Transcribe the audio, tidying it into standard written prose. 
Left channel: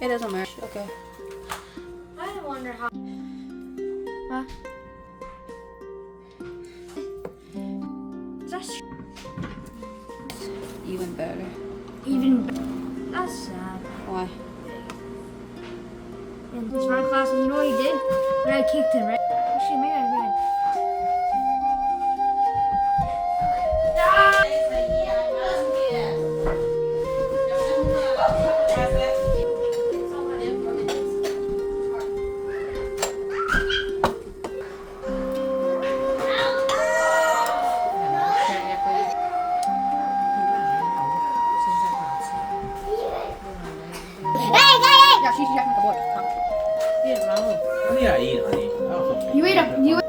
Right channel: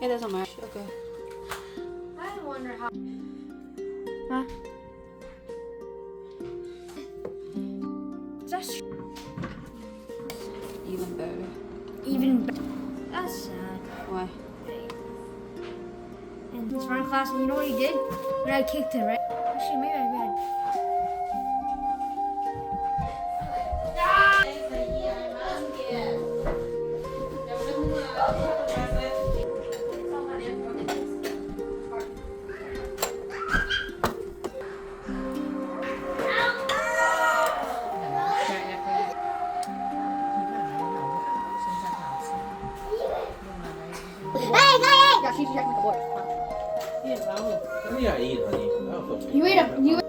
It doesn't matter. Okay. I wonder how. Huh? That's Even better. That's sad. Why? And it's my class, and you know what he did? And I kicked him, right? Actually, maybe I read. Yeah, she's checking the board. You Cái này là gì vậy? ate